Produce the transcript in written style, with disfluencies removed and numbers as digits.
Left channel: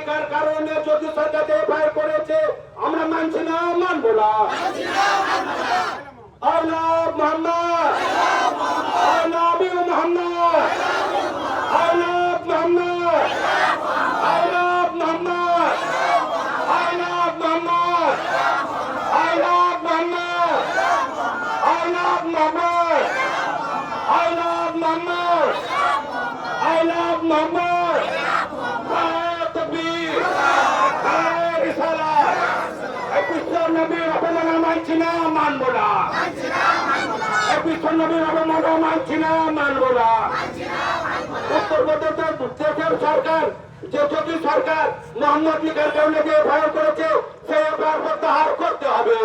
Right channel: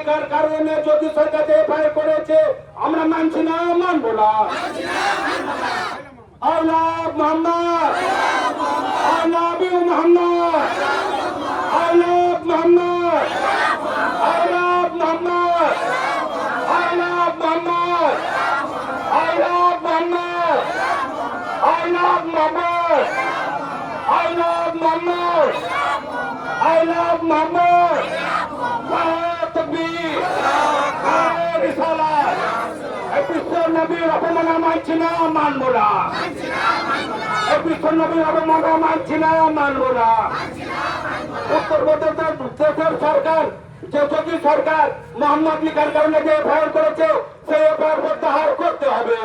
লিখার কারণে যদি সরকারকে এফআইআর করেছে আমরা মানছি না, মানবো না। আল্লাহ মোহাম্মদ, আল্লাহ মোহাম্মদ, আল্লাহ মোহাম্মদ, আল্লাহ মোহাম্মদ, আল্লাহ মোহাম্মদ, আল্লাহ মোহাম্মদ, আল্লাহ মোহাম্মদ, আল্লাহ মোহাম্মদ, আল্লাহ মোহাম্মদ। তাকবীর, রিসালাত। বিশ্ব নবীর অপমান মানছি না, মানব না। বিশ্ব নবীর অপমান মানছি না, মানব না। উত্তরপ্রদেশের দেশের সরকার, যে যোগী সরকার মোহাম্মদ লিখার কারণে যে এফআইআর করেছে সেই এফআইআর প্রত্যাহার করতে হবে।